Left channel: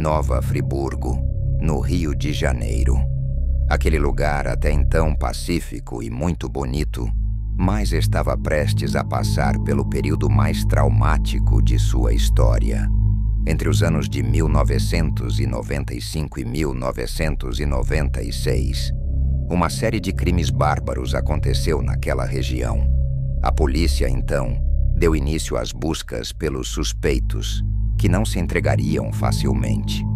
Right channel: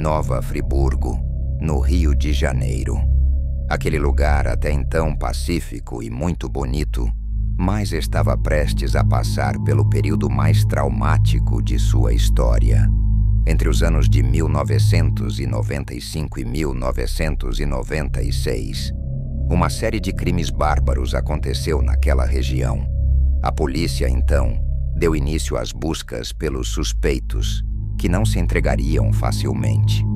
Nova Friburgo, no Rio de Janeiro. Aquele lugar, até então pacífico e muito bonito, mas estava prestes a passar pelo período mais traumático de sua história. Entre os anos de 1995 e 1996, uma série de crimes bárbaros aconteceu naquela região. A polícia, então, deu início às buscas pelos suspeitos, que não se entregariam facilmente.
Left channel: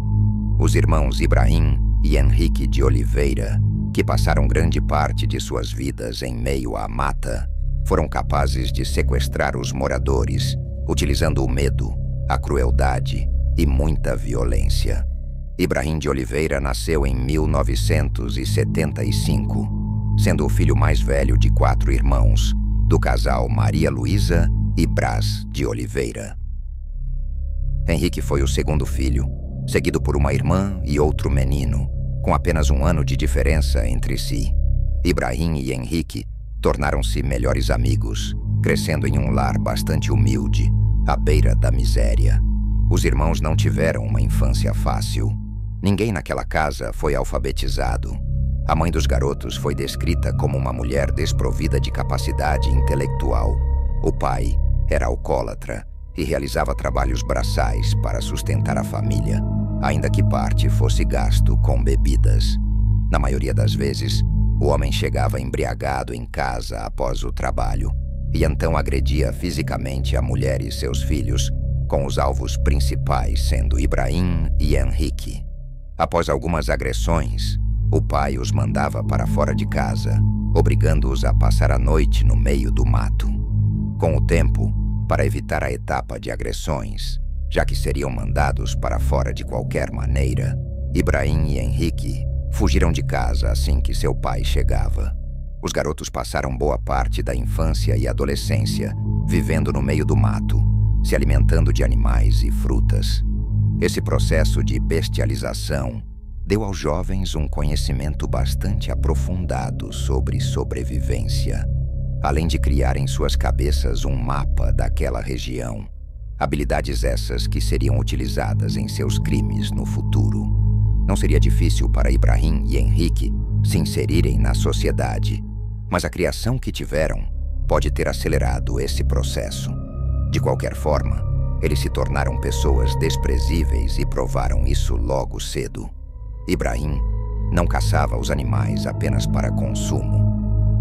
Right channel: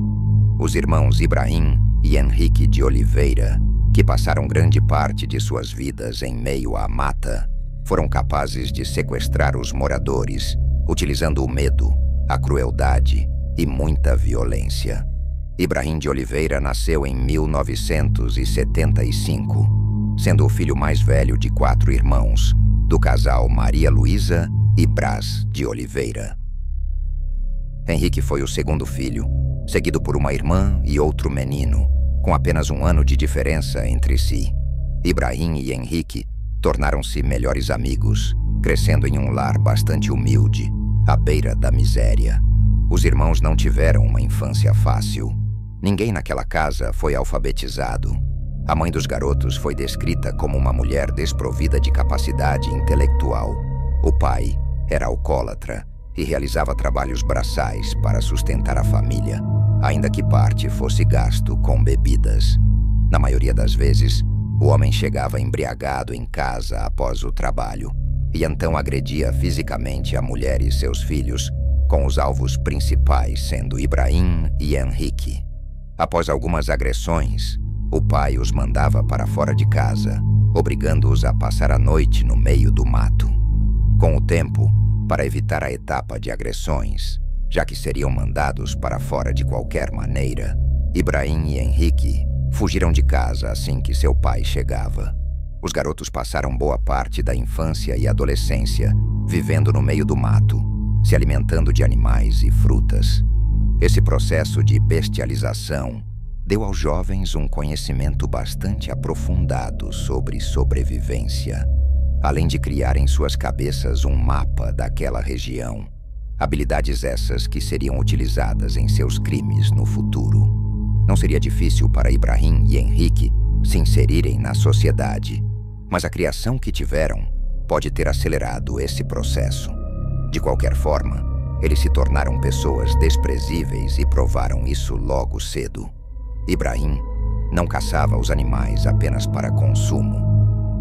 Os irmãos Ibrahim e Henrique de Oliveira, que passaram grande parte de suas vidas em meio à mata, foram capazes de sequestrar os moradores, utilizando o medo, a crueldade e muita violência. Ibrahim de Oliveira nasceu em 1975, sendo o filho mais velho de 4 irmãos, do casal Maria Luísa e Brás de Oliveira. Henrique foi o segundo filho, seguido por uma irmã e outro menino, com apenas 1 ano de diferença entre si. Ibrahim e Henrique tornaram-se melhores amigos, crescendo em um lar bastante humilde, à beira da miséria. Os irmãos não tiveram uma infância fácil. Ninguém naquela casa foi alfabetizado. A mãe dos garotos foi descrita como uma mulher desprovida de capacidade intelectual. O pai era alcoólatra e realizava trabalhos braçais para sustentar a família, ainda que parte fosse gasto com bebidas. Na maioria das vezes, o homem chegava embriagado em casa após o trabalho e então agredia fisicamente a mulher e seus filhos, com os alvos principais sendo Ibrahim e Henrique. Após algumas agressões, o pai os mandava para fora de casa, obrigando-os a passar a noite no meio do mato. Com o tempo, para evitar a etapa de agressões, já que seriam mandados para fora de qualquer maneira, Ibrahim e Henrique fugiram de casa assim que seu pai chegava. Os garotos passaram boa parte da infância e adolescência vivendo no meio do mato, se alimentando de animais e frutas. Esse processo de bestialização deu aos jovens um conhecimento bastante aprofundado sobre sobrevivência, além de criar em suas cabeças um mapa daquela região, habilidades essas que seriam utilizadas em seus crimes no futuro. Não seria difícil para Ibrahim e Henrique se inserirem na sociedade, mas a criação que tiveram pode ter acelerado esse processo. De qualquer forma, eles se tornaram pessoas desprezíveis e provaram isso logo cedo. Ibrahim não caçava os animais apenas para consumo.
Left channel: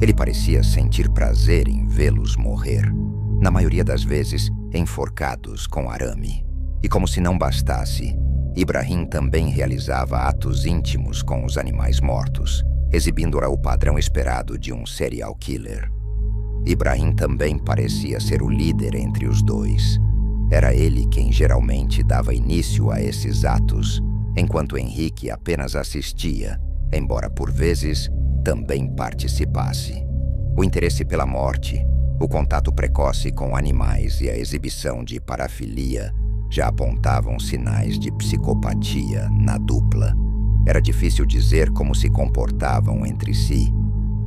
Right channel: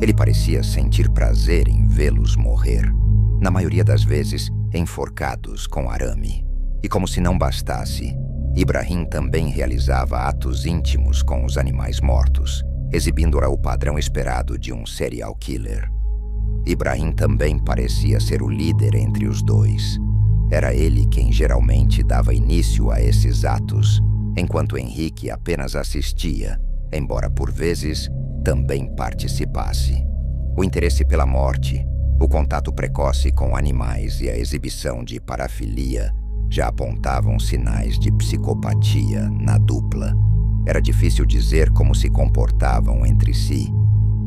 Ele parecia sentir prazer em vê-los morrer, na maioria das vezes enforcados com arame. E como se não bastasse, Ibrahim também realizava atos íntimos com os animais mortos, exibindo o padrão esperado de um serial killer. Ibrahim também parecia ser o líder entre os dois. Era ele quem geralmente dava início a esses atos, enquanto Henrique apenas assistia, embora por vezes também participasse. O interesse pela morte, o contato precoce com animais e a exibição de parafilia já apontavam sinais de psicopatia na dupla. Era difícil dizer como se comportavam entre si,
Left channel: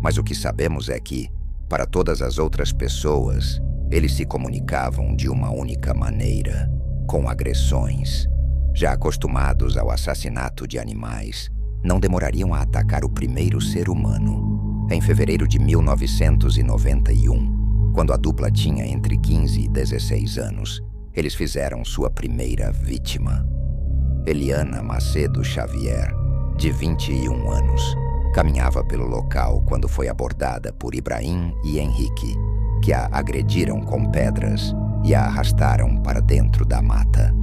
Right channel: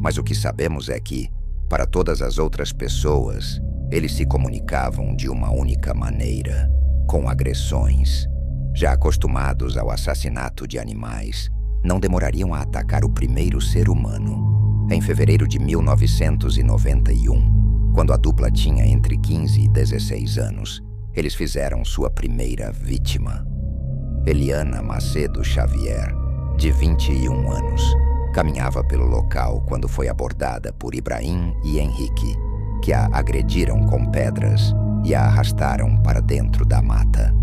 mas o que sabemos é que, para todas as outras pessoas, eles se comunicavam de uma única maneira, com agressões. Já acostumados ao assassinato de animais, não demorariam a atacar o primeiro ser humano. Em fevereiro de 1991, quando a dupla tinha entre 15 e 16 anos, eles fizeram sua primeira vítima. Eliana Macedo Xavier, de 21 anos, caminhava pelo local quando foi abordada por Ibrahim e Henrique, que a agrediram com pedras e a arrastaram para dentro da mata.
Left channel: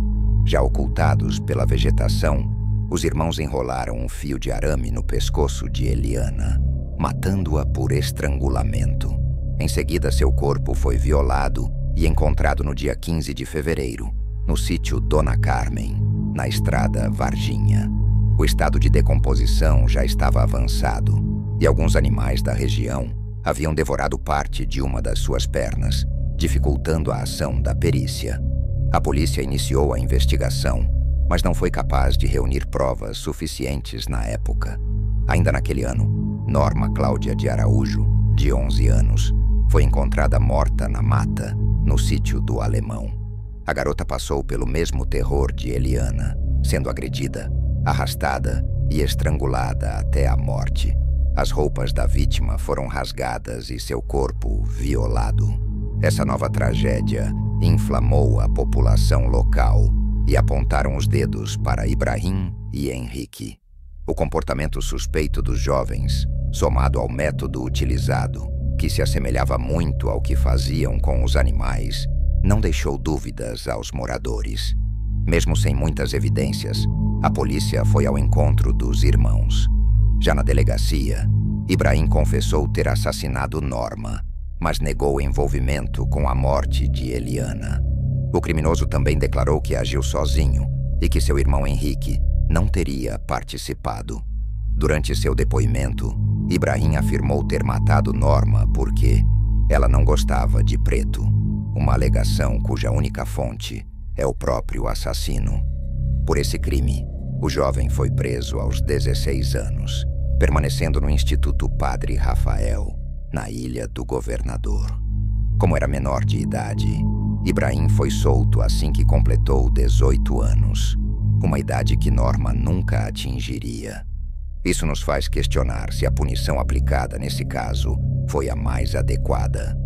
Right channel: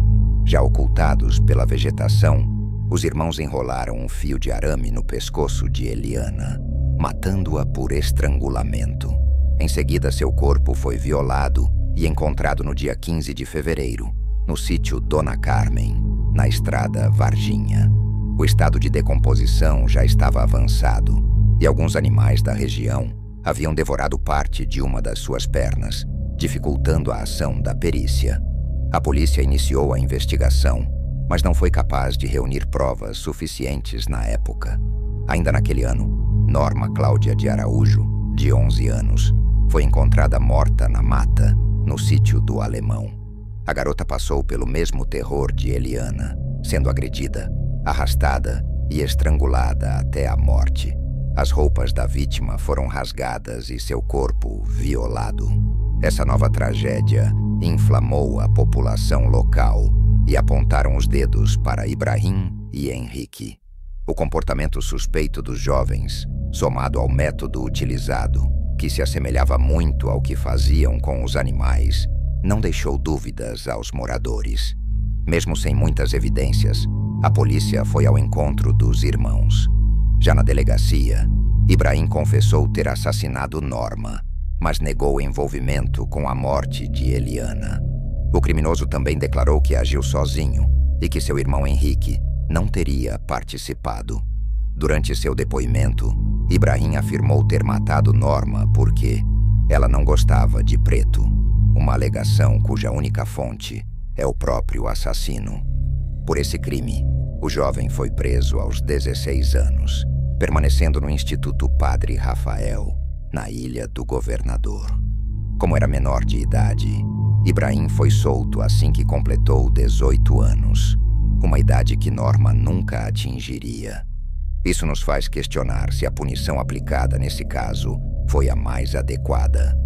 Já ocultados pela vegetação, os irmãos enrolaram um fio de arame no pescoço de Eliana, matando-a por estrangulamento. Em seguida, seu corpo foi violado e encontrado no dia 15 de fevereiro, no sítio Dona Carmen, na estrada Varginha. O estado de decomposição já estava avançado e alguns animais da região haviam devorado parte de uma das suas pernas, dificultando a ação da perícia. A polícia iniciou a investigação, mas não foi capaz de reunir provas suficientes na época. Ainda naquele ano, Norma Cláudia de Araújo, de 11 anos, foi encontrada morta na mata, no sítio do Alemão. A garota passou pelo mesmo terror de Eliana, sendo agredida, arrastada e estrangulada até a morte. As roupas da vítima foram rasgadas e seu corpo violado. Essa nova tragédia inflamou a população local e apontaram os dedos para Ibrahim e Henrique. O comportamento suspeito dos jovens, somado ao método utilizado, que se assemelhava muito ao que faziam com os animais, não deixou dúvidas aos moradores. Mesmo sem muitas evidências, a polícia foi ao encontro dos irmãos. Já na delegacia, Ibrahim confessou ter assassinado Norma, mas negou envolvimento com a morte de Eliana. O criminoso também declarou que agiu sozinho e que seu irmão Henrique não teria participado. Durante seu depoimento, Ibrahim afirmou ter matado Norma porque ela não gostava de preto, uma alegação cuja única fonte é o próprio assassino. Por esse crime, o jovem foi preso aos 16 anos, permanecendo no Instituto Padre Rafael, na Ilha do Governador. Como era menor de idade, Ibrahim foi solto assim que completou 18 anos, uma idade que Norma nunca atingiria. Isso nos faz questionar se a punição aplicada nesse caso foi a mais adequada.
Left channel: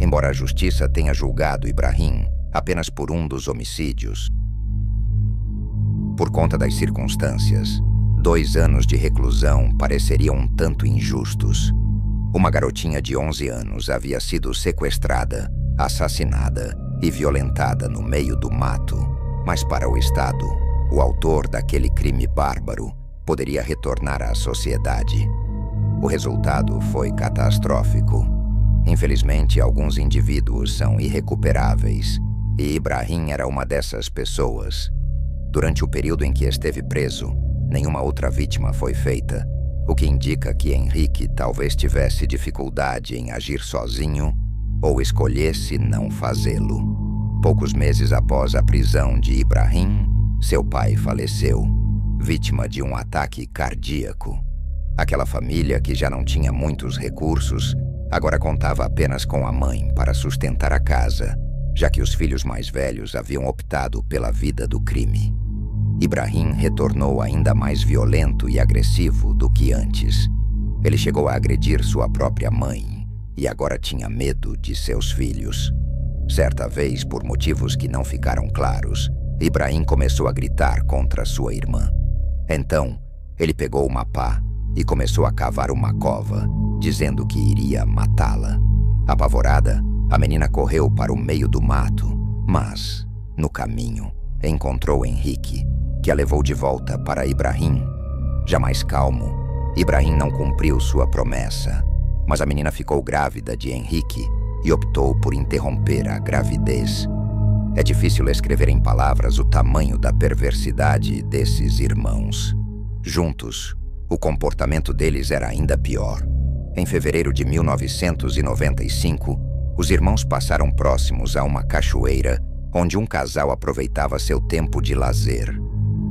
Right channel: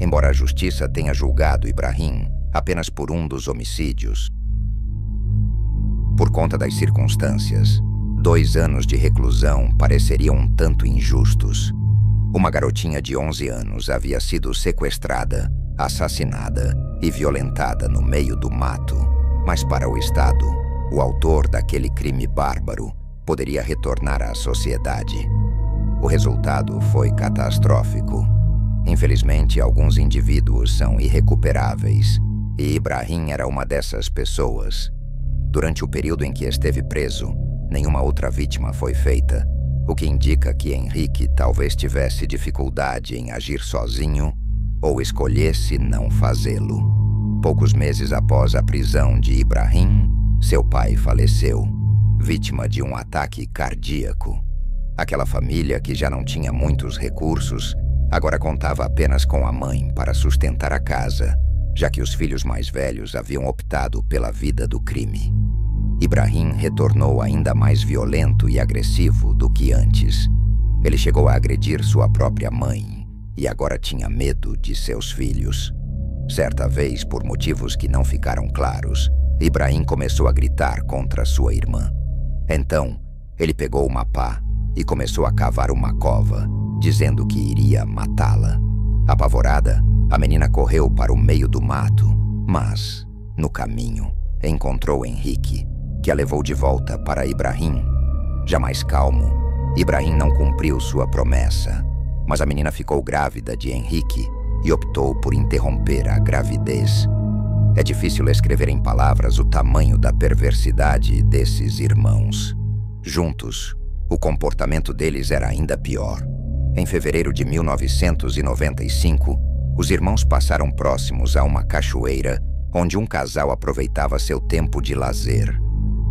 Embora a justiça tenha julgado Ibrahim apenas por um dos homicídios, por conta das circunstâncias, 2 anos de reclusão pareceriam um tanto injustos. Uma garotinha de 11 anos havia sido sequestrada, assassinada e violentada no meio do mato, mas para o Estado, o autor daquele crime bárbaro poderia retornar à sociedade. O resultado foi catastrófico. Infelizmente, alguns indivíduos são irrecuperáveis, e Ibrahim era uma dessas pessoas. Durante o período em que esteve preso, nenhuma outra vítima foi feita, o que indica que Henrique talvez tivesse dificuldade em agir sozinho ou escolhesse não fazê-lo. Poucos meses após a prisão de Ibrahim, seu pai faleceu, vítima de um ataque cardíaco. Aquela família, que já não tinha muitos recursos, agora contava apenas com a mãe para sustentar a casa, já que os filhos mais velhos haviam optado pela vida do crime. Ibrahim retornou ainda mais violento e agressivo do que antes. Ele chegou a agredir sua própria mãe e agora tinha medo de seus filhos. Certa vez, por motivos que não ficaram claros, Ibrahim começou a gritar contra sua irmã. Então, ele pegou uma pá e começou a cavar uma cova, dizendo que iria matá-la. Apavorada, a menina correu para o meio do mato, mas, no caminho, encontrou Henrique, que a levou de volta para Ibrahim. Já mais calmo, Ibrahim não cumpriu sua promessa, mas a menina ficou grávida de Henrique e optou por interromper a gravidez. É difícil escrever em palavras o tamanho da perversidade desses irmãos. Juntos, o comportamento deles era ainda pior. Em fevereiro de 1995, os irmãos passaram próximos a uma cachoeira onde um casal aproveitava seu tempo de lazer.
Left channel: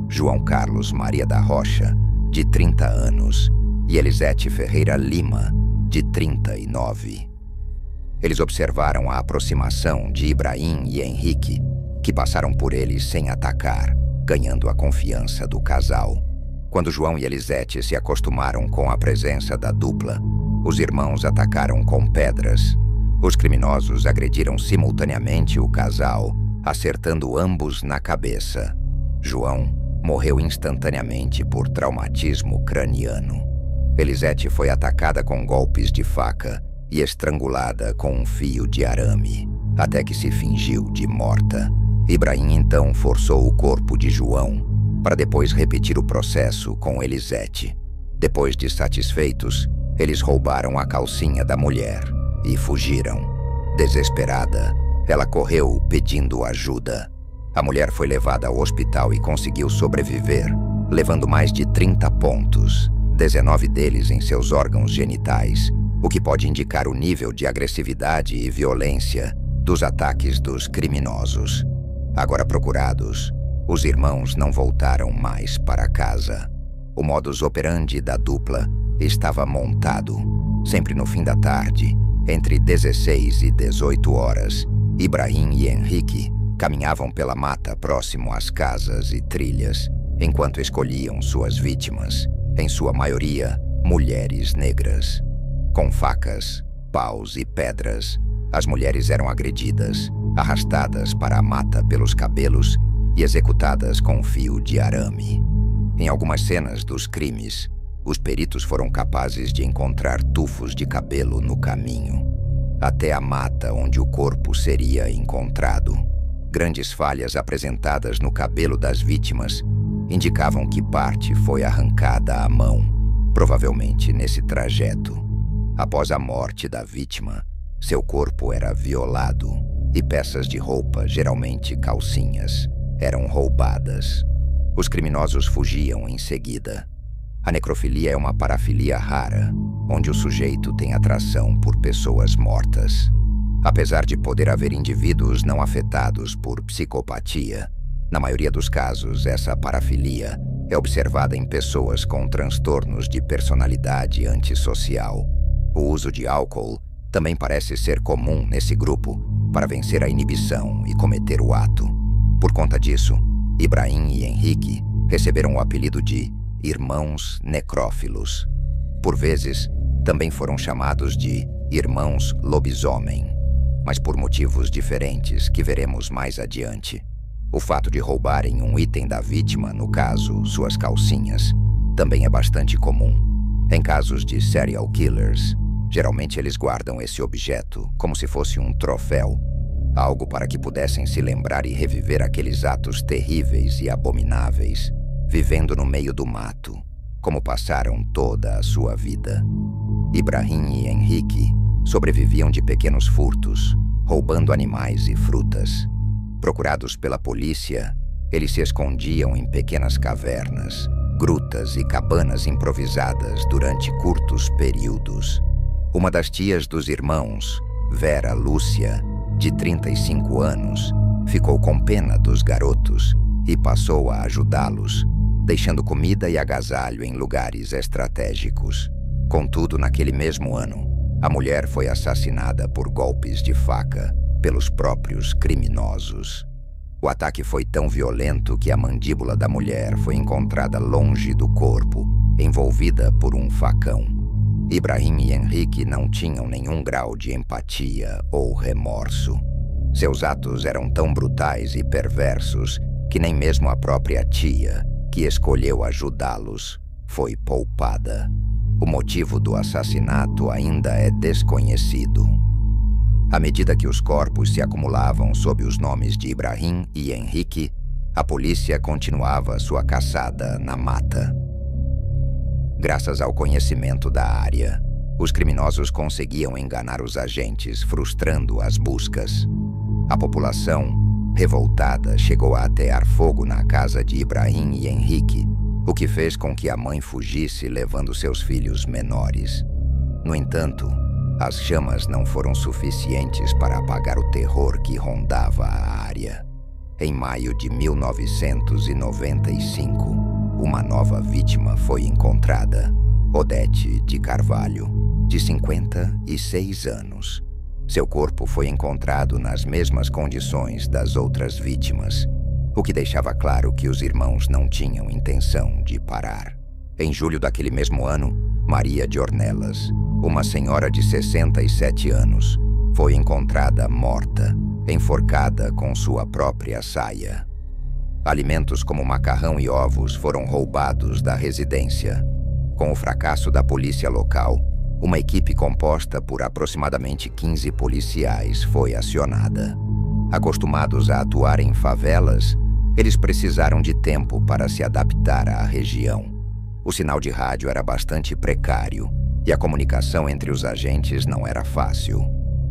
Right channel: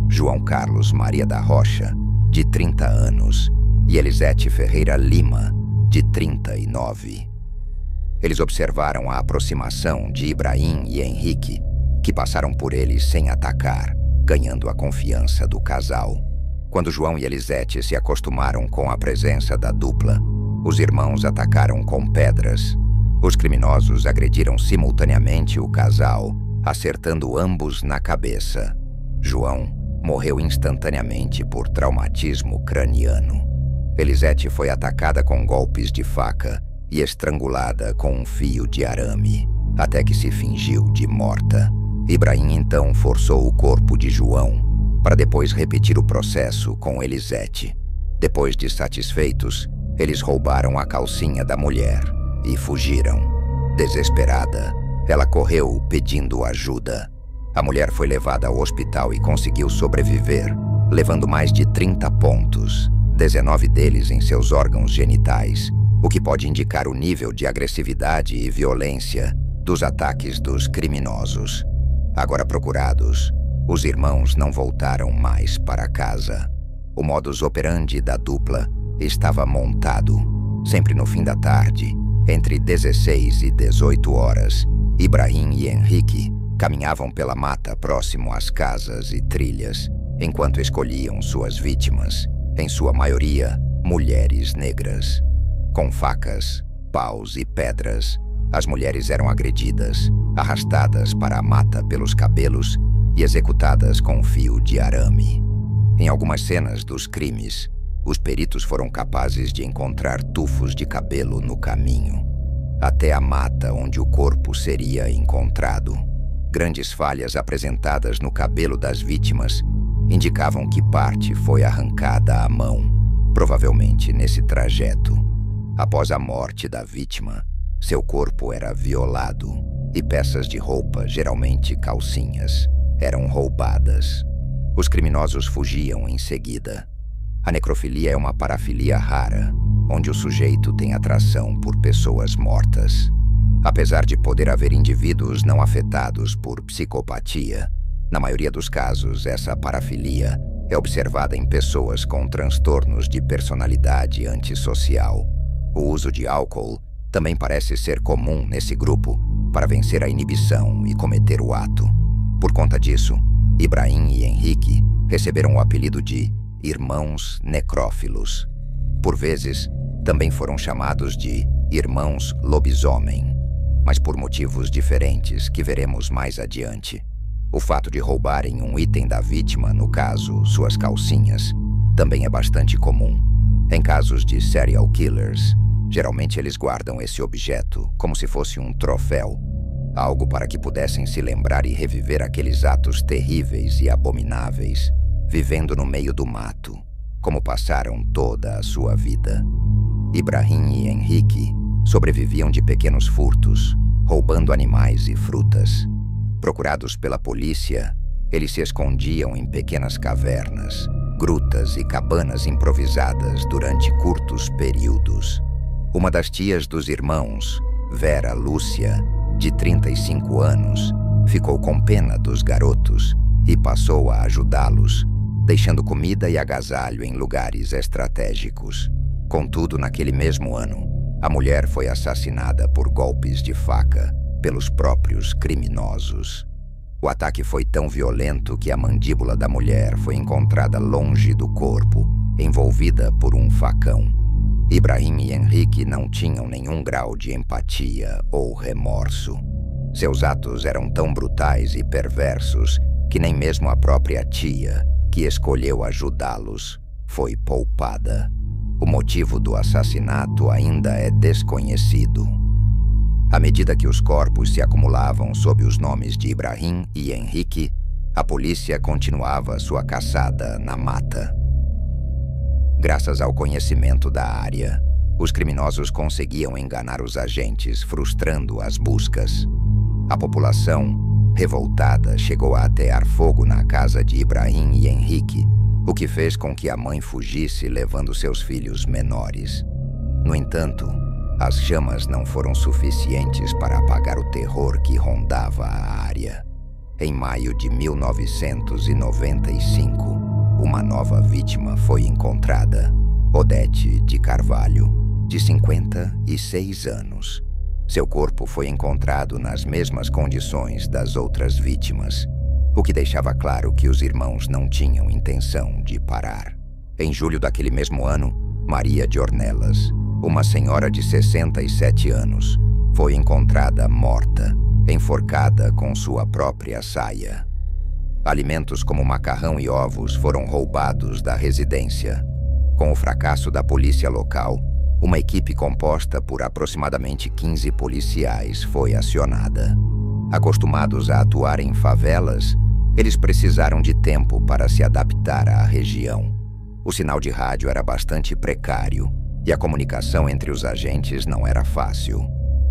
João Carlos Maria da Rocha, de 30 anos, e Elisete Ferreira Lima, de 39. Eles observaram a aproximação de Ibrahim e Henrique, que passaram por eles sem atacar, ganhando a confiança do casal. Quando João e Elisete se acostumaram com a presença da dupla, os irmãos atacaram com pedras. Os criminosos agrediram simultaneamente o casal, acertando ambos na cabeça. João morreu instantaneamente por traumatismo craniano. Elisete foi atacada com golpes de faca e estrangulada com um fio de arame, até que se fingiu de morta. Ibrahim então forçou o corpo de João, para depois repetir o processo com Elisete. Depois de satisfeitos, eles roubaram a calcinha da mulher e fugiram. Desesperada, ela correu pedindo ajuda. A mulher foi levada ao hospital e conseguiu sobreviver, levando mais de 30 pontos, 19 deles em seus órgãos genitais, o que pode indicar o nível de agressividade e violência dos ataques dos criminosos. Agora procurados, os irmãos não voltaram mais para casa. O modus operandi da dupla estava montado. Sempre no fim da tarde, entre 16 e 18 horas, Ibrahim e Henrique caminhavam pela mata próximo às casas e trilhas. enquanto escolhiam suas vítimas, em sua maioria mulheres negras. Com facas, paus e pedras, as mulheres eram agredidas, arrastadas para a mata pelos cabelos e executadas com um fio de arame. Em algumas cenas dos crimes, os peritos foram capazes de encontrar tufos de cabelo no caminho, até a mata onde o corpo seria encontrado. Grandes falhas apresentadas no cabelo das vítimas indicavam que parte foi arrancada à mão, provavelmente nesse trajeto. Após a morte da vítima, seu corpo era violado e peças de roupa, geralmente calcinhas, eram roubadas. Os criminosos fugiam em seguida. A necrofilia é uma parafilia rara, onde o sujeito tem atração por pessoas mortas. Apesar de poder haver indivíduos não afetados por psicopatia, na maioria dos casos essa parafilia é observada em pessoas com transtornos de personalidade antissocial. O uso de álcool também parece ser comum nesse grupo para vencer a inibição e cometer o ato. Por conta disso, Ibrahim e Henrique receberam o apelido de irmãos necrófilos. Por vezes, também foram chamados de irmãos lobisomem, mas por motivos diferentes que veremos mais adiante. O fato de roubarem um item da vítima, no caso, suas calcinhas, também é bastante comum. Em casos de serial killers, geralmente eles guardam esse objeto como se fosse um troféu, algo para que pudessem se lembrar e reviver aqueles atos terríveis e abomináveis, vivendo no meio do mato, como passaram toda a sua vida. Ibrahim e Henrique sobreviviam de pequenos furtos, roubando animais e frutas. Procurados pela polícia, eles se escondiam em pequenas cavernas, grutas e cabanas improvisadas durante curtos períodos. Uma das tias dos irmãos, Vera Lúcia, de 35 anos, ficou com pena dos garotos e passou a ajudá-los, deixando comida e agasalho em lugares estratégicos. Contudo, naquele mesmo ano, a mulher foi assassinada por golpes de faca pelos próprios criminosos. O ataque foi tão violento que a mandíbula da mulher foi encontrada longe do corpo, envolvida por um facão. Ibrahim e Henrique não tinham nenhum grau de empatia ou remorso. Seus atos eram tão brutais e perversos que nem mesmo a própria tia, que escolheu ajudá-los, foi poupada. O motivo do assassinato ainda é desconhecido. À medida que os corpos se acumulavam sob os nomes de Ibrahim e Henrique, a polícia continuava sua caçada na mata. Graças ao conhecimento da área, os criminosos conseguiam enganar os agentes, frustrando as buscas. A população, revoltada, chegou a atear fogo na casa de Ibrahim e Henrique, o que fez com que a mãe fugisse levando seus filhos menores. No entanto, as chamas não foram suficientes para apagar o terror que rondava a área. Em maio de 1995, uma nova vítima foi encontrada, Odete de Carvalho, de 56 anos. Seu corpo foi encontrado nas mesmas condições das outras vítimas, o que deixava claro que os irmãos não tinham intenção de parar. Em julho daquele mesmo ano, Maria de Ornelas, uma senhora de 67 anos, foi encontrada morta, enforcada com sua própria saia. Alimentos como macarrão e ovos foram roubados da residência. Com o fracasso da polícia local, uma equipe composta por aproximadamente 15 policiais foi acionada. Acostumados a atuar em favelas, eles precisaram de tempo para se adaptar à região. O sinal de rádio era bastante precário e a comunicação entre os agentes não era fácil.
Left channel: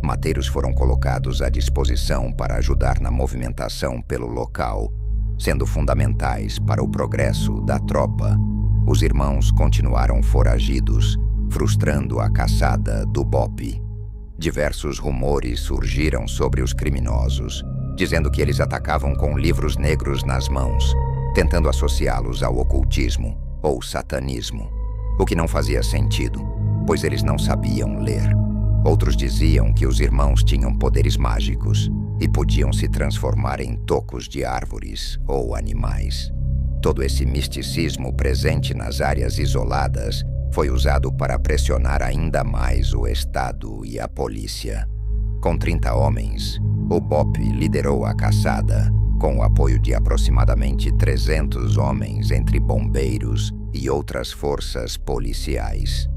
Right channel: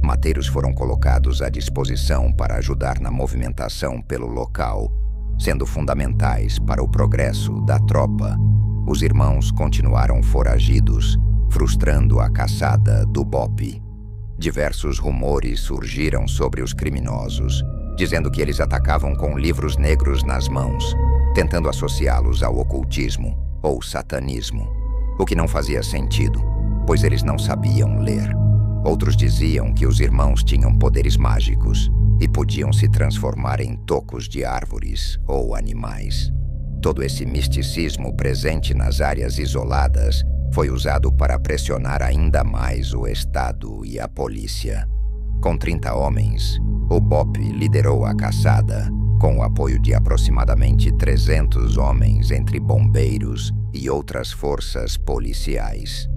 Mateiros foram colocados à disposição para ajudar na movimentação pelo local, sendo fundamentais para o progresso da tropa. Os irmãos continuaram foragidos, frustrando a caçada do BOPE. Diversos rumores surgiram sobre os criminosos, dizendo que eles atacavam com livros negros nas mãos, tentando associá-los ao ocultismo ou satanismo, o que não fazia sentido, pois eles não sabiam ler. Outros diziam que os irmãos tinham poderes mágicos e podiam se transformar em tocos de árvores ou animais. Todo esse misticismo presente nas áreas isoladas foi usado para pressionar ainda mais o Estado e a polícia. Com 30 homens, o BOP liderou a caçada, com o apoio de aproximadamente 300 homens entre bombeiros e outras forças policiais.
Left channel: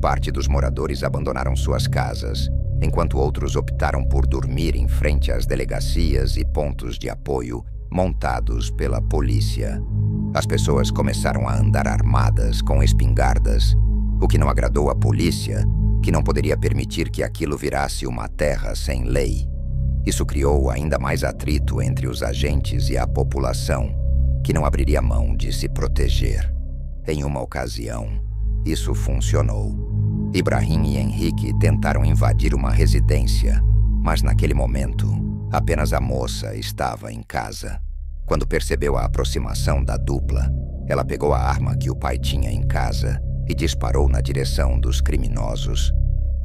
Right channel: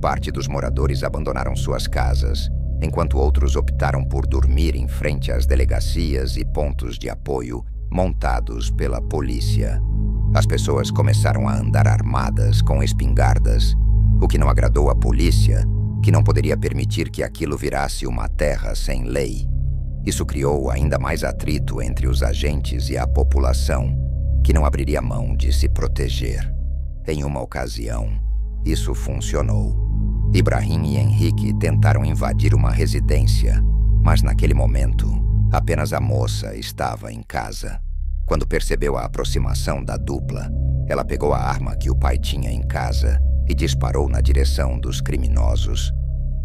Parte dos moradores abandonaram suas casas, enquanto outros optaram por dormir em frente às delegacias e pontos de apoio montados pela polícia. As pessoas começaram a andar armadas com espingardas, o que não agradou à polícia, que não poderia permitir que aquilo virasse uma terra sem lei. Isso criou ainda mais atrito entre os agentes e a população, que não abriria mão de se proteger. Em uma ocasião, isso funcionou. Ibrahim e Henrique tentaram invadir uma residência, mas naquele momento, apenas a moça estava em casa. Quando percebeu a aproximação da dupla, ela pegou a arma que o pai tinha em casa e disparou na direção dos criminosos.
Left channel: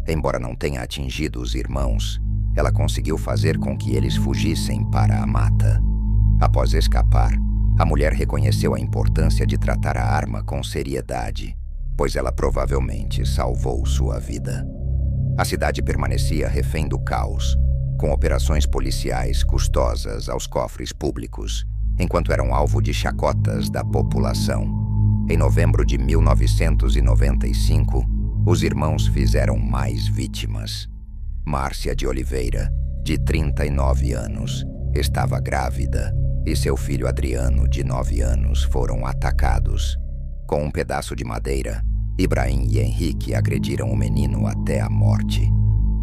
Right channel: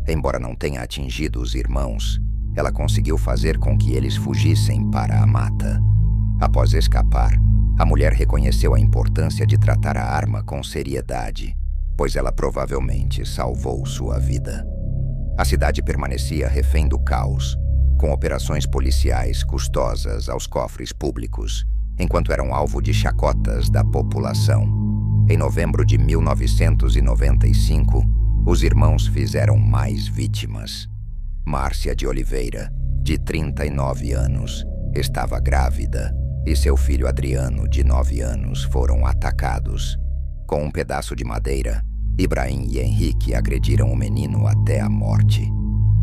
Embora não tenha atingido os irmãos, ela conseguiu fazer com que eles fugissem para a mata. Após escapar, a mulher reconheceu a importância de tratar a arma com seriedade, pois ela provavelmente salvou sua vida. A cidade permanecia refém do caos, com operações policiais custosas aos cofres públicos, enquanto eram alvo de chacotas da população. Em novembro de 1995, os irmãos fizeram mais vítimas. Márcia de Oliveira, de 39 anos, estava grávida e seu filho Adriano, de 9 anos, foram atacados. Com um pedaço de madeira, Ibrahim e Henrique agrediram o menino até a morte.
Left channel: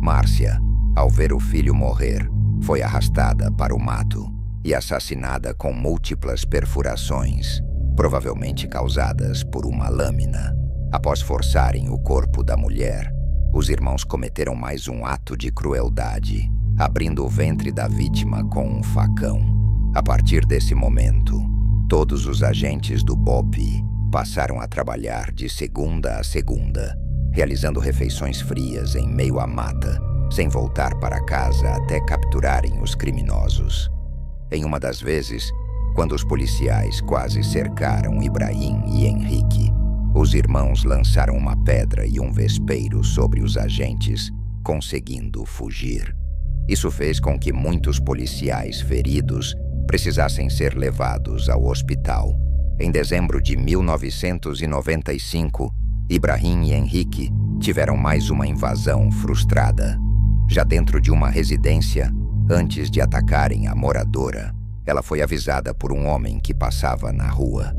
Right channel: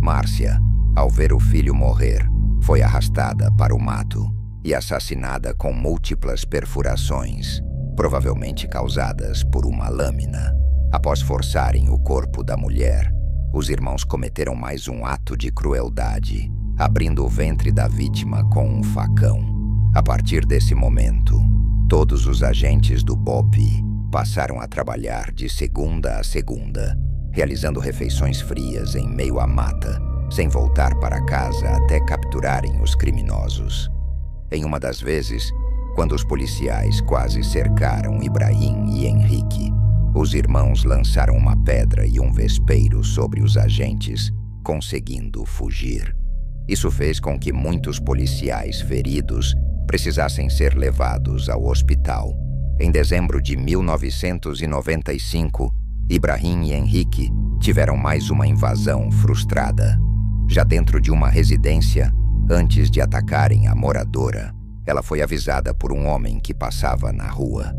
Márcia, ao ver o filho morrer, foi arrastada para o mato e assassinada com múltiplas perfurações, provavelmente causadas por uma lâmina. Após forçarem o corpo da mulher, os irmãos cometeram mais um ato de crueldade, abrindo o ventre da vítima com um facão. A partir desse momento, todos os agentes do BOP passaram a trabalhar de segunda a segunda, realizando refeições frias em meio à mata, sem voltar para casa até capturarem os criminosos. Em uma das vezes, quando os policiais quase cercaram Ibrahim e Henrique, os irmãos lançaram uma pedra e um vespeiro sobre os agentes, conseguindo fugir. Isso fez com que muitos policiais feridos precisassem ser levados ao hospital. Em dezembro de 1995, Ibrahim e Henrique tiveram mais uma invasão frustrada. Já dentro de uma residência, antes de atacarem a moradora, ela foi avisada por um homem que passava na rua.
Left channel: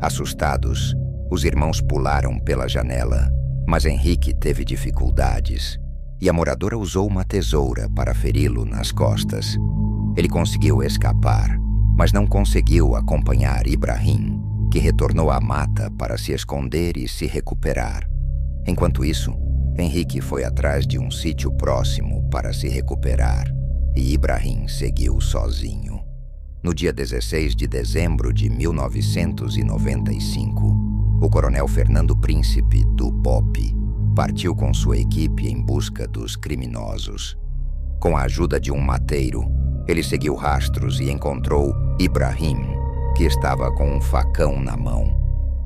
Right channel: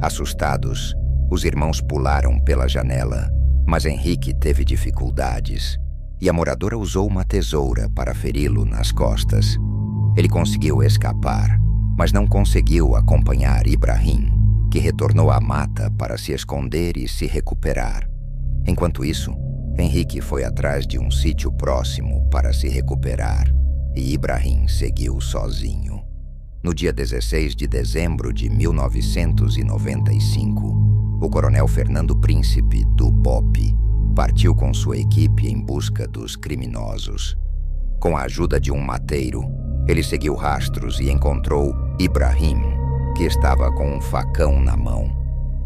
Assustados, os irmãos pularam pela janela, mas Henrique teve dificuldades e a moradora usou uma tesoura para feri-lo nas costas. Ele conseguiu escapar, mas não conseguiu acompanhar Ibrahim, que retornou à mata para se esconder e se recuperar. Enquanto isso, Henrique foi atrás de um sítio próximo para se recuperar e Ibrahim seguiu sozinho. No dia 16 de dezembro de 1995, o coronel Fernando Príncipe, do BOP, partiu com sua equipe em busca dos criminosos. Com a ajuda de um mateiro, ele seguiu rastros e encontrou Ibrahim, que estava com um facão na mão.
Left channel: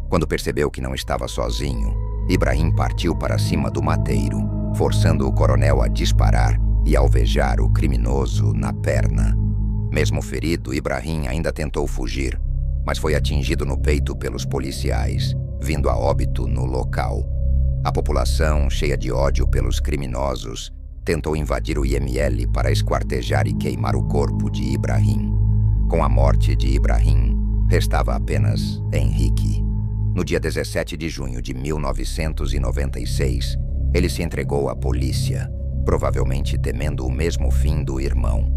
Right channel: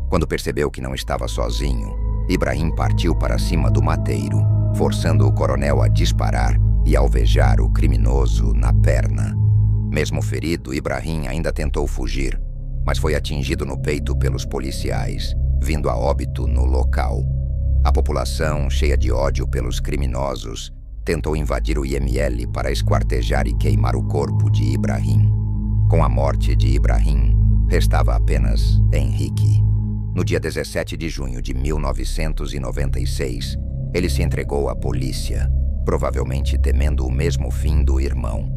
Quando percebeu que não estava sozinho, Ibrahim partiu para cima do mateiro, forçando o coronel a disparar e alvejar o criminoso na perna. Mesmo ferido, Ibrahim ainda tentou fugir, mas foi atingido no peito pelos policiais, vindo a óbito no local. A população, cheia de ódio pelos criminosos, tentou invadir o IML para esquartejar e queimar o corpo de Ibrahim. Com a morte de Ibrahim, restava apenas Henrique. No dia 17 de junho de 1996, ele se entregou à polícia, provavelmente temendo o mesmo fim do irmão.